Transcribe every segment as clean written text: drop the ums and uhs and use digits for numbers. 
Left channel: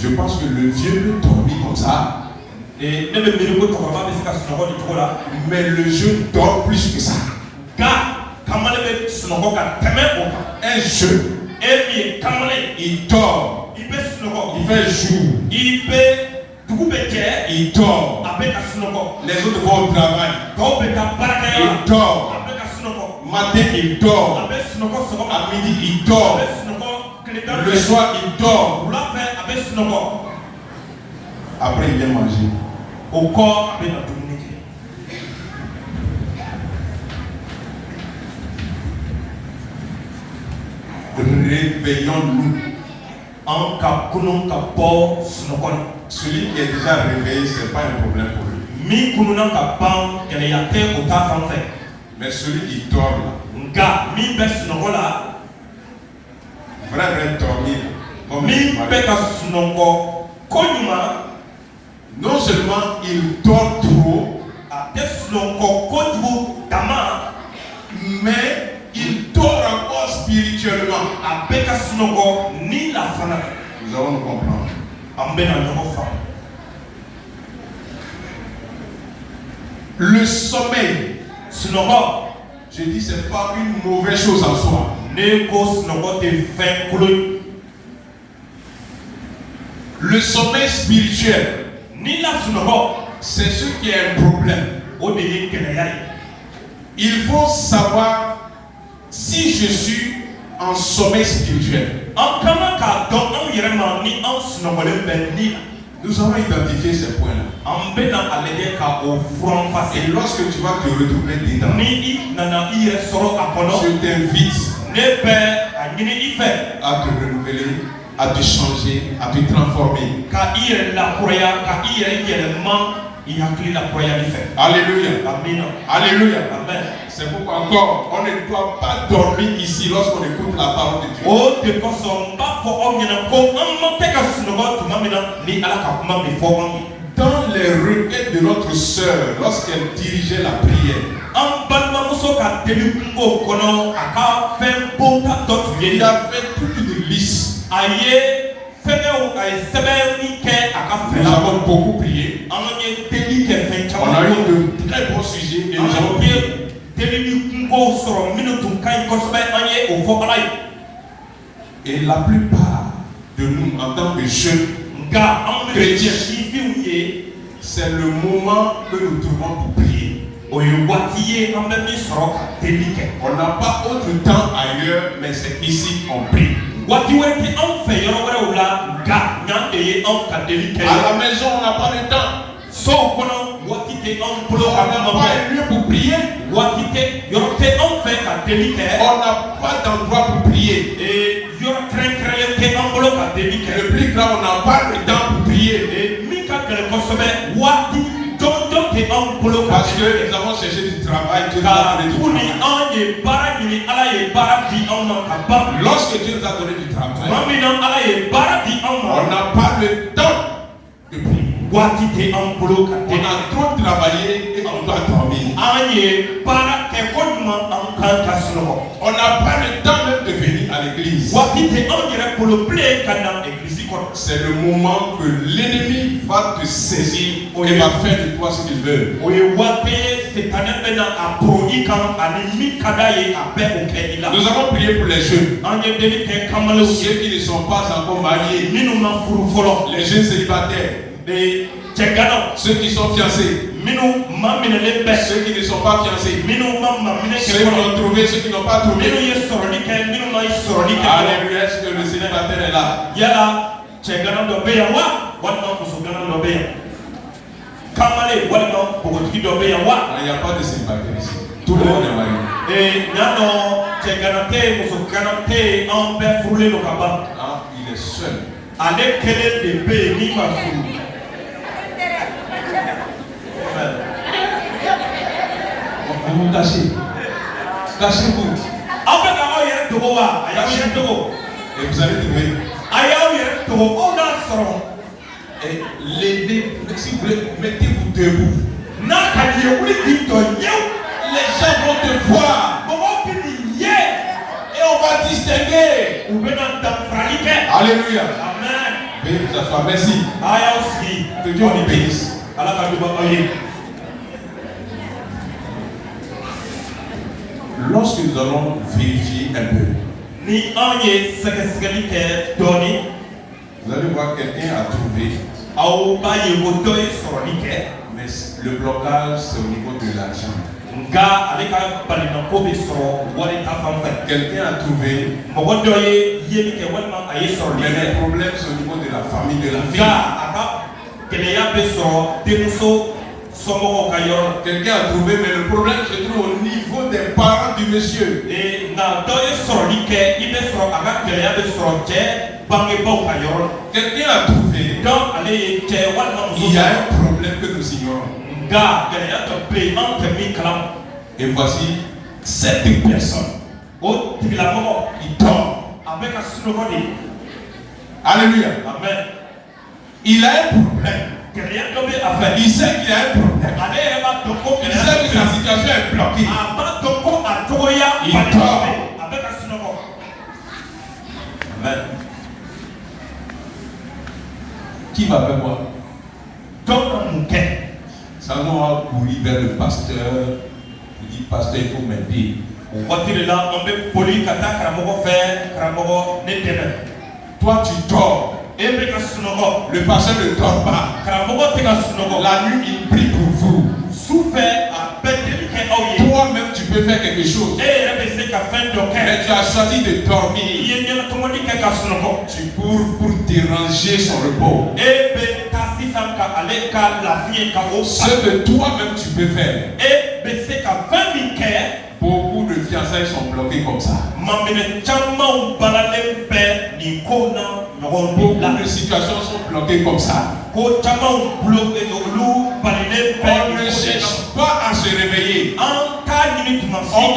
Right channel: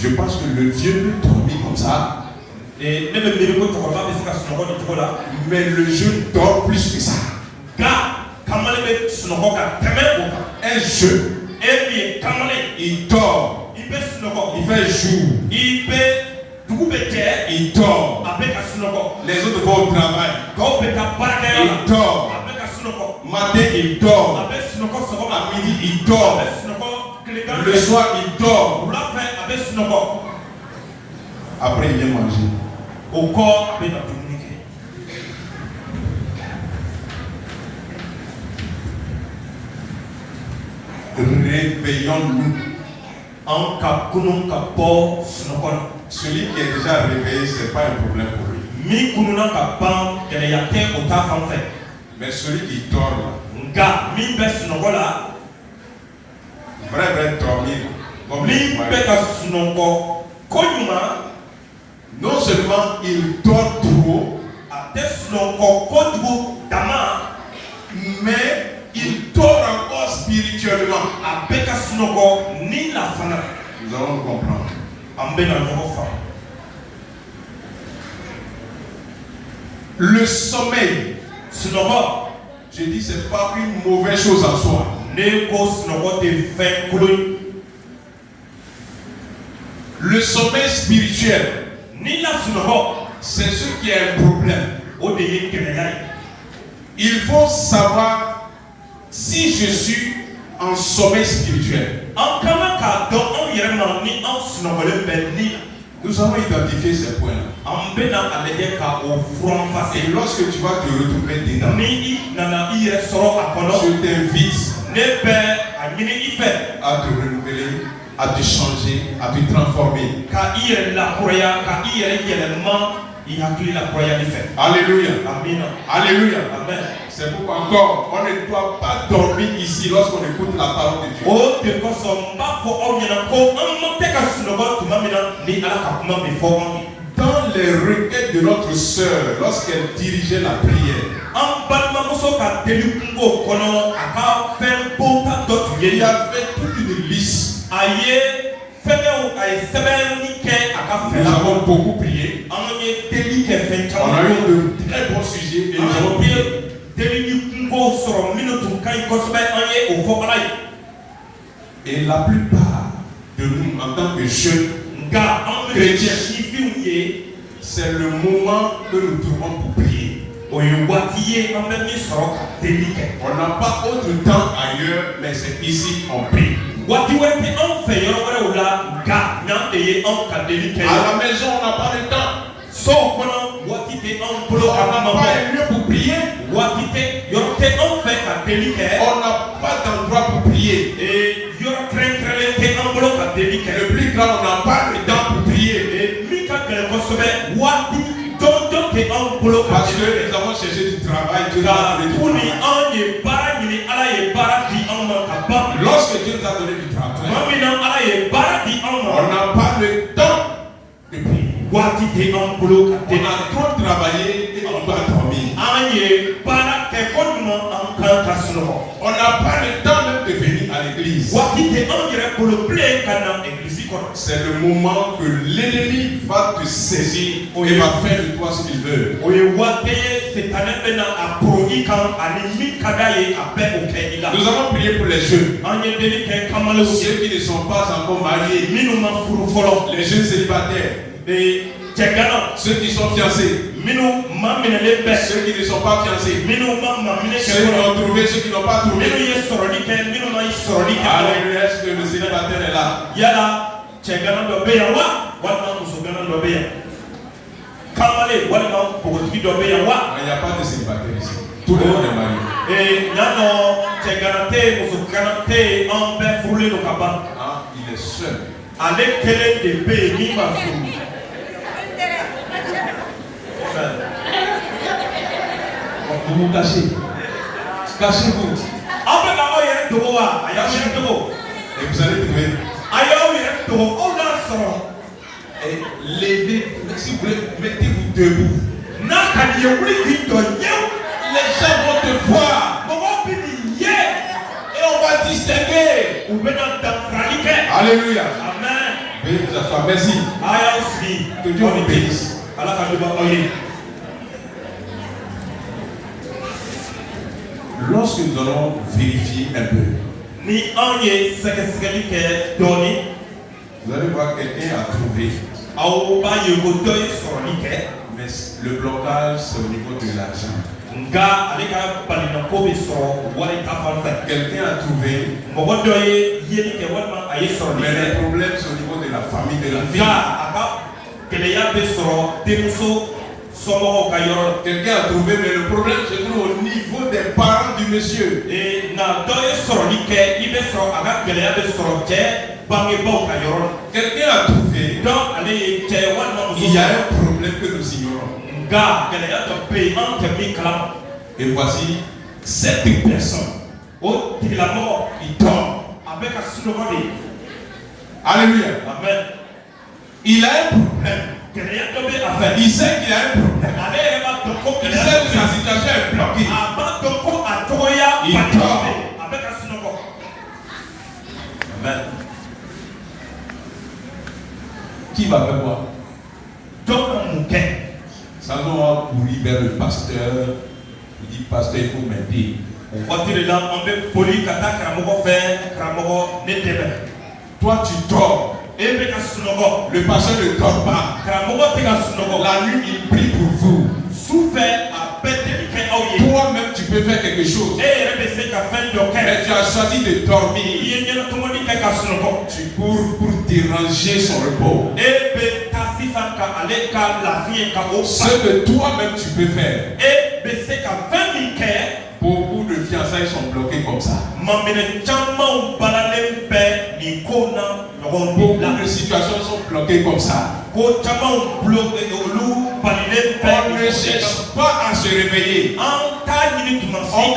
Je pense que le vieux peut dormir comme ça. Et même le médico tokoma bɛ se ka sunɔgɔ nin cogo la. Mais le jeune dort plus que ça. Nka kamalen bɛ sunɔgɔ ka tɛmɛ o kan. Un jeune, E min ye kamalen. il dort. I bɛ sunɔgɔ. Il fait jour. I bɛ dugu bɛ jɛ. Il dort. A bɛ ka sunɔgɔ. Les autres vont au travail. Tɔw bɛ taa baarakɛyɔrɔ la. Il dort. A bɛ ka sunɔgɔ. Matin, il dort. A bɛ sunɔgɔ sɔgɔma. À midi, il A dort. bɛ sunɔgɔ tilegan fɛ. Le soir, il dort. Wula fɛ a bɛ sunɔgɔ. Après, il vient manger. O kɔ a bɛ na dumuni kɛ. Réveillons-nous. An ka kunun ka bɔ sunɔgɔ la. Celui qui est déjà réveillé, ce n'est pas un problème pour lui. Min kununa ka ban gɛlɛya tɛ o ta fan fɛ. Mais celui qui dort là, Nka min bɛ sunɔgɔ la. vrai dormir, comme Min il bɛ ka sunɔgɔ koɲuman. non seulement il dort trop, A tɛ sunɔgɔ kojugu dama. mais il dort encore spirituellement. A bɛ ka sunɔgɔ ni la fana. Nous allons nous comprendre. An bɛ na ɲɔgɔn faamu. Le sommeil, Sunɔgɔ. je dis, c'est pas une mauvaise chose en soi. Ne ko sunɔgɔ tɛ fɛn kolon ye. Le sommeil spirituel, Ni la sunɔgɔ. c'est ce qui est un problème. O de ye gɛlɛya ye. Il faut savoir si je suis en sommeil spirituel. An ka kan k'a dɔn anw yɛrɛ ma ni anw sunɔgɔlen bɛ ni la. Nous allons identifier ces points-là. An bɛ na a lajɛ ka o furan Et fase. lorsque tu vas te retrouver dedans, Ni i nana i yɛrɛ sɔrɔ a kɔnɔ. je t'invite Ne bɛ a ɲini i fɛ à te renouveler, à te changer, à te transformer. ka i yɛrɛ lakuraya ka i yɛrɛ yɛlɛma i hakili lakurayali fɛ. Alléluia. Amina. Alléluia. Amen. C'est pourquoi encore, on ne doit pas dormir ici lorsqu'on écoute la parole de Dieu. O de kosɔn n b'a fɔ aw ɲɛna ko an ma tɛ ka sunɔgɔ tuma min na ni Ala ka kuma bɛ fɔ anw ye. Dans les requêtes de notre sœur, lorsqu'elle dirigeait la prière, An balimamuso ka deli kungo kɔnɔ a ka fɛn bonta dɔ tun il ye y avait toute une liste. a ye fɛngɛw a ye sɛbɛnni kɛ a ka fɛn Nous na. avons beaucoup prié. An ye deli kɛ fɛn On a caman eu ye. de très bons sujets et nous An avons ye prié. deli ni kungow sɔrɔ minnu tun ka ɲi kosɛbɛ an ye o fɔ Ala ye. Et la plupart de nous, en tant que jeunes, Nka an bɛ Chrétien. sifinw ye c'est le moment que nous trouvons pour prier. o ye waati ye an bɛ min sɔrɔ ka deli kɛ. On n'a pas autre temps ailleurs, mais c'est ici qu'on prie. Waati wɛrɛ tɛ anw fɛ yɔrɔ wɛrɛw la nka n'an de ye anw ka deli kɛ. À la maison, on n'a pas le temps. Sow kɔnɔ waati tɛ anw bolo On ka n'a kuma pas bɔ. un lieu pour prier. Waati tɛ yɔrɔ tɛ anw fɛ ka deli kɛ. On n'a pas d'endroit pour prier. Yɔrɔ kɛrɛnkɛrɛnlen tɛ an bolo ka deli kɛ. Le plus grand, on n'a pas le temps pour prier. Min ka gɛlɛn kosɛbɛ waati jɔnjɔn tɛ anw bolo ka Parce deli que kɛ. nous avons cherché du travail, Dieu nous a Ka donné du tuguni travail. anw ye baara ɲini Ala ye baara di anw ma ka ban. Lorsque Dieu nous a donné du Tuma travail, min na Ala ye baara di anw on ma. n'a pas le temps de prier. Waati tɛ anw bolo ka On deli. a trop travaillé et on doit dormir. An ye baara kɛ koɲuman an kan ka sunɔgɔ. On n'a pas le temps même de venir à l'église. Waati tɛ anw yɛrɛ bolo bilen ka na egilizi kɔnɔ. C'est le moment que l'ennemi va te saisir et va faire de toi ce qu'il veut. O ye waati ye sitanɛ bɛ na a poro i kan ani min ka d'a ye a bɛ o kɛ i la. Nous avons prié pour les jeunes, An ye deli kɛ kamalenw ye ceux qui ne sont pas encore mariés, minnu ma furu fɔlɔ. les jeunes célibataires, Cɛganaw ceux qui sont fiancés, minnu ma minɛlen bɛ. ceux qui ne sont pas fiancés, Minnu ma maminɛ kɛ ceux qui fɔlɔ. ont trouvé, ceux qui n'ont pas Minnu trouvé. ye sɔrɔli kɛ minnu ma sɔrɔli kɛ fɔlɔ. Alléluia, est-ce que le célibataire est là? Yala cɛgana dɔ bɛ yan wa walima musogana dɔ bɛ yan. Kamalen walima npogotigi dɔ bɛ yan wa. Il n'y a pas de célibataire ici. Tout le monde est marié. Ɲa dɔn cɛgana tɛ yen musogana tɛ yen an bɛɛ furulen don ka ban. Ah, il est seul. Ale kelen de bɛ yen min ma furu. Vous vous cachez. Cachez-vous. Aw bɛ ka aw yɛrɛ dogo wa a y'aw yɛrɛ dogo. Et vous allez trouver. A y'aw yɛrɛ dogo aw n'a sɔrɔ. Et levez, si vous voulez, mettez-vous debout. N'a ka di ye wuli k'i jɔ ɲɛw. Les gens vont te voir. Mɔgɔw bɛ nin ye. Et on va distinguer. U bɛ na danfarali kɛ. Alléluia. Amen. Veuillez vous asseoir. Merci. Que Dieu vous bénisse. Lorsque nous allons vérifier un peu, vous allez voir quelqu'un a trouvé. Mais le blocage, c'est au niveau de l'argent. Quelqu'un a trouvé. Mais le problème, c'est au niveau de la famille, de la vie. Quelqu'un a trouvé, mais le problème se trouve au niveau des parents du monsieur. Quelqu'un a trouvé. Il y a un problème que nous ignorons. Et voici 7 personnes qui dorment. Alléluia. Amen. Il a un problème. Il sait qu'il a un problème. Il sait que sa situation est bloquée. Il dort. Amen. Qui va faire quoi? Ça va courir vers le pasteur. Il dit, pasteur, il faut m'aider. Toi, tu dors. Le pasteur ne dort pas. La nuit, il prie pour vous. Toi-même, tu peux faire quelque chose. Mais tu as choisi de dormir. Tu cours pour déranger son repos. Ce que toi-même tu peux faire. Beaucoup de fiançailles sont bloquées comme ça. Beaucoup de situations sont bloquées comme ça. On ne cherche pas à se réveiller. On ne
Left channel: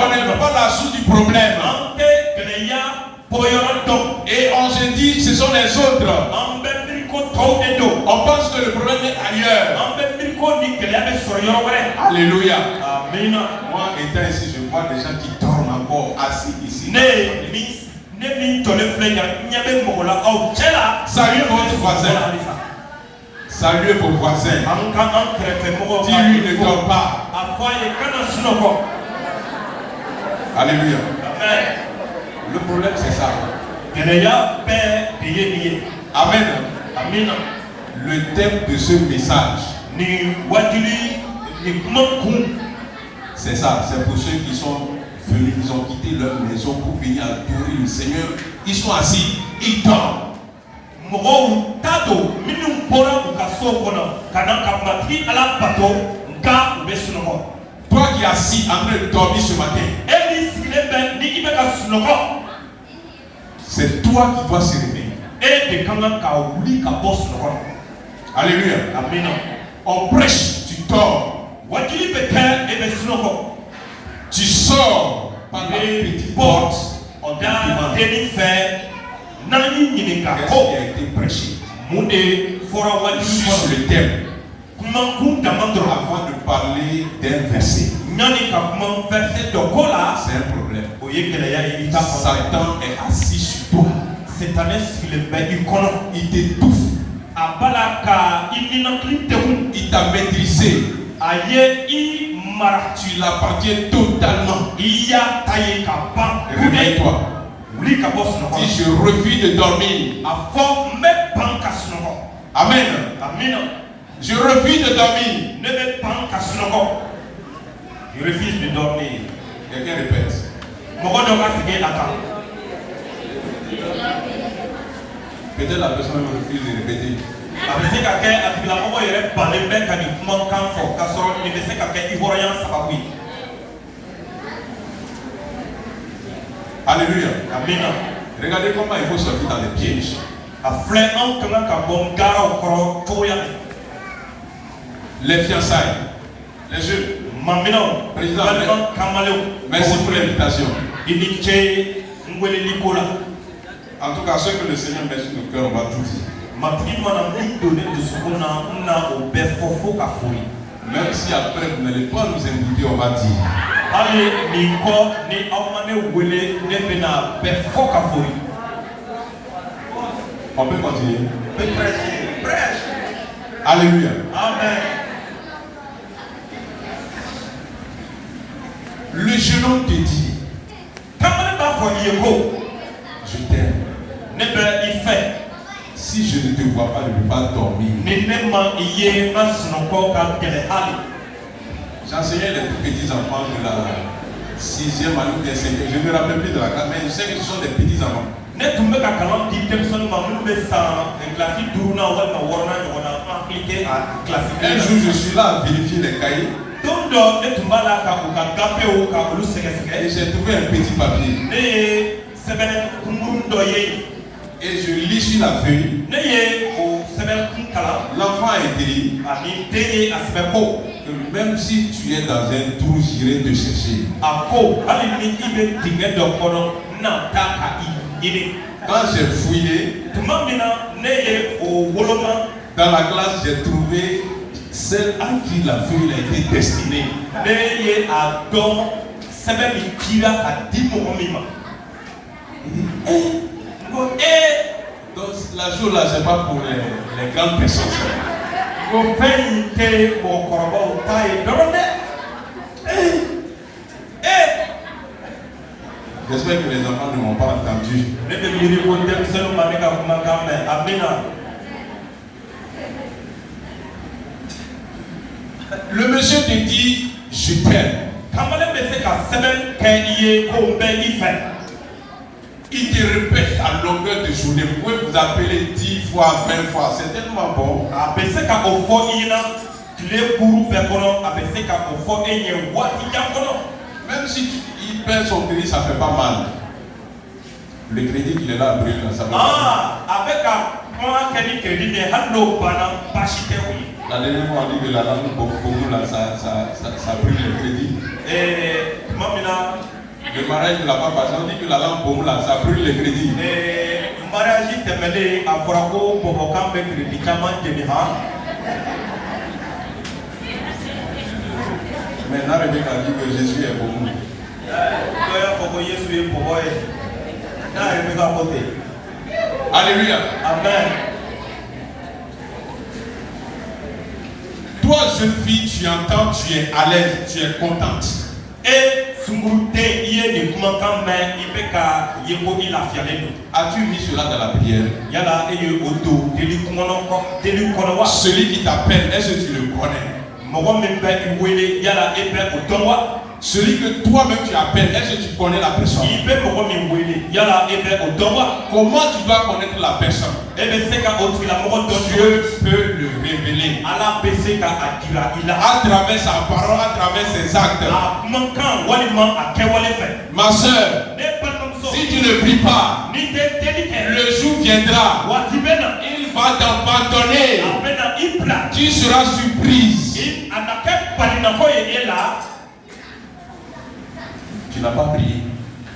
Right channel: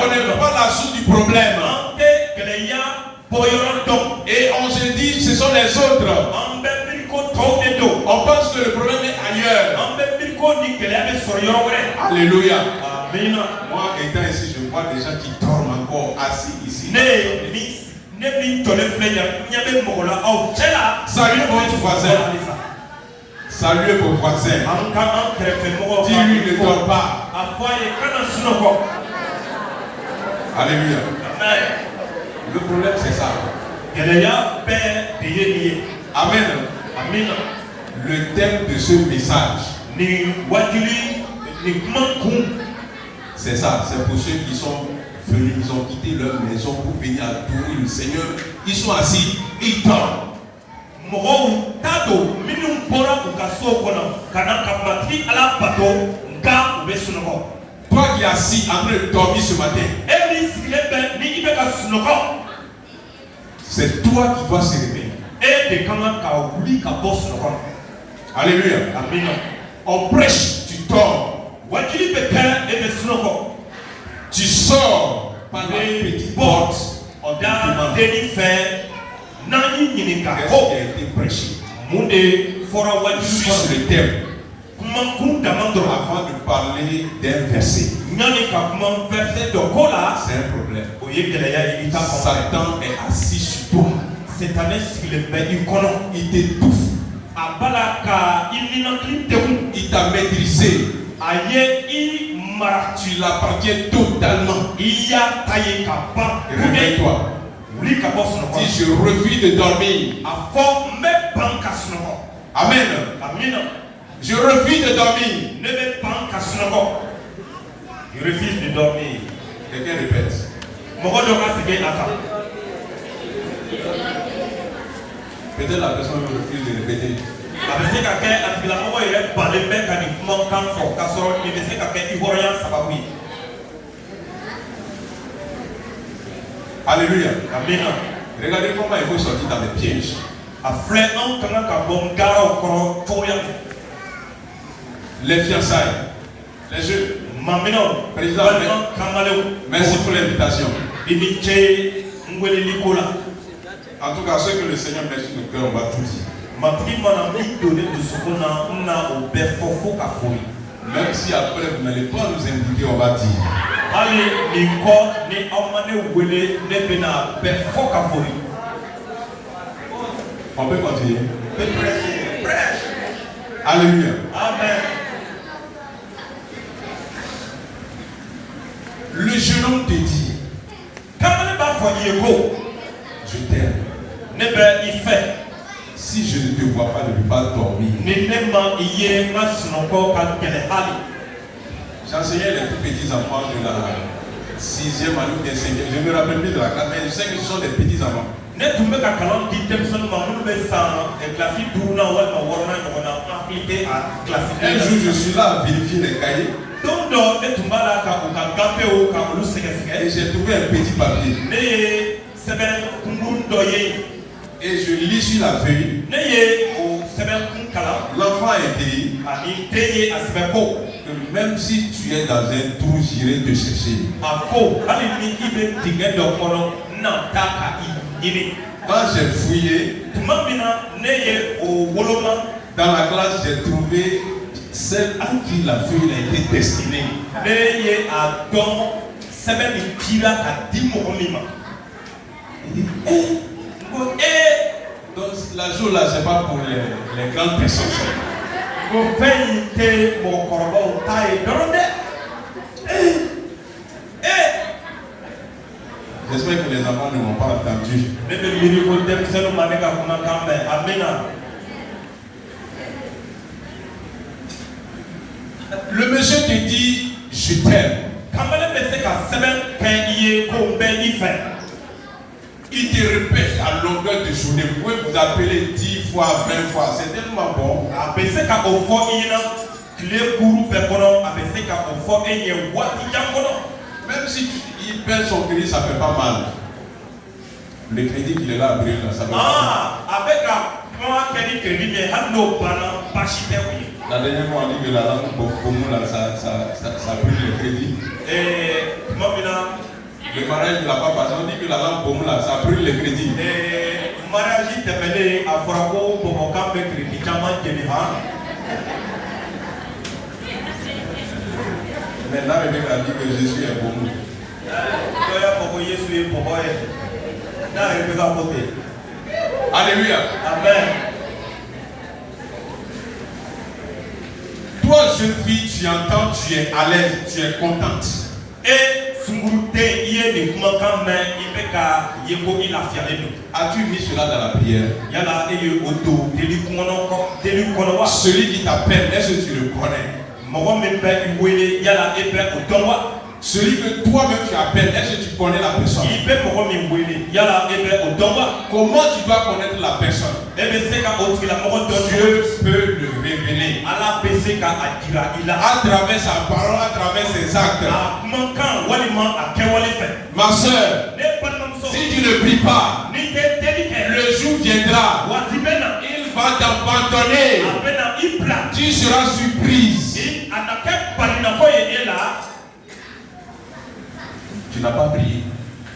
connaît pas la source du problème. Et on se dit ce sont les autres. On pense que le problème est ailleurs. Alléluia. Moi étant ici, je vois des gens qui dorment encore assis ici. Saluez votre voisin. Saluez vos voisins. Dis-lui ne dort pas. Alléluia. Le problème c'est ça. Amen. Le thème de ce message, c'est ça. C'est pour ceux qui sont venus, ils ont quitté leur maison pour venir adorer le Seigneur. Ils sont assis, ils dorment. Toi qui es assis en train de dormir ce matin, c'est toi qui dois se réveiller. Alléluia. On prêche, tu dors. Tu sors par la petite porte. Qu'est-ce qui a été prêché? Juste le thème. Avant de parler d'un verset. C'est un problème. Satan est assis sur toi. Il t'étouffe. Il t'a maîtrisé. Tu l'appartiens totalement. Réveille-toi. Si je refuse de dormir. Amen. Je refuse de dormir. Je refuse de dormir. Quelqu'un répète. Peut-être la personne refuse de répéter. Alléluia. Amen. Regardez comment il faut sortir dans les pièges. Les fiançailles, les jeux. Président, merci pour l'invitation. En tout cas, ce que le Seigneur met sur nos cœurs, on va tout dire. Même si après vous n'allez pas nous inviter, on va dire. On peut continuer. Alléluia. Amen. Le jeune homme te dit, je t'aime. Si je ne te vois pas, je ne peux pas dormir. J'enseignais les tout petits enfants de la 6e année ou 5e. Je ne me rappelle plus de la classe, mais je sais que ce sont des petits enfants. Un jour, je suis là à vérifier les cahiers. Et j'ai trouvé un petit papier. Et je lis sur la feuille. L'enfant est écrit que même si tu es dans un trou, j'irai te chercher. Quand j'ai fouillé, dans la classe, j'ai trouvé celle à qui la feuille a été destinée. Il dit, donc la chose là, c'est pas pour les grandes personnes. J'espère que les enfants ne m'ont pas entendu. Le monsieur te dit, je t'aime. Il te répète à longueur de journée. Vous pouvez vous appeler 10 fois, 20 fois. C'est tellement bon. Même si il perd son crédit, ça fait pas mal. Le crédit qu'il est là à brûler, ça va. La dernière fois, on dit que la langue pour nous, là, ça brûle le crédit. Le mariage ne l'a pas passé, on dit que la langue pour nous, là, ça brûle le crédit. Maintenant, Rebecca dit que Jésus est pour nous. Alléluia. Amen. Toi, jeune fille, tu entends, tu es à l'aise, tu es contente. As-tu mis cela dans la prière? Celui qui t'appelle, est-ce que tu le connais? Celui que toi-même tu appelles, est-ce que tu connais la personne? Comment tu dois connaître la personne? Dieu peut le révéler à travers sa parole, à travers ses actes. Ma soeur, si tu ne pries pas, le jour viendra, il va t'abandonner. Tu seras surprise. Tu n'as pas prié.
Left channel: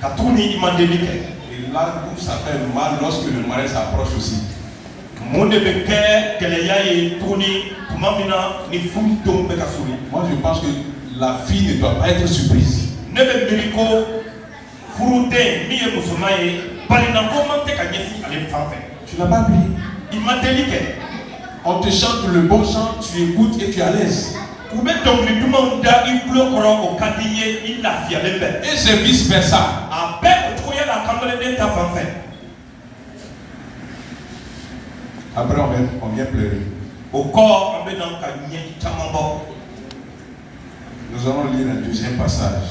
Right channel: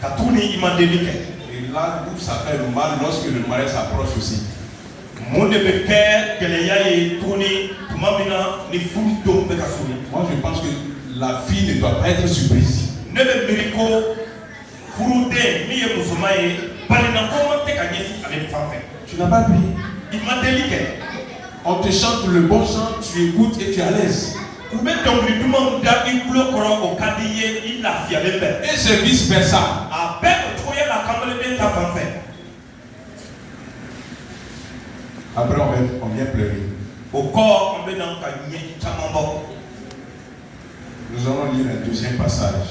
Et là où ça fait mal lorsque le mariage s'approche aussi. Moi je pense que la fille ne doit pas être surprise. Tu n'as pas prié. On te chante le bon chant, tu écoutes et tu es à l'aise. Et c'est vice versa. Après on vient pleurer. Nous allons lire un deuxième passage.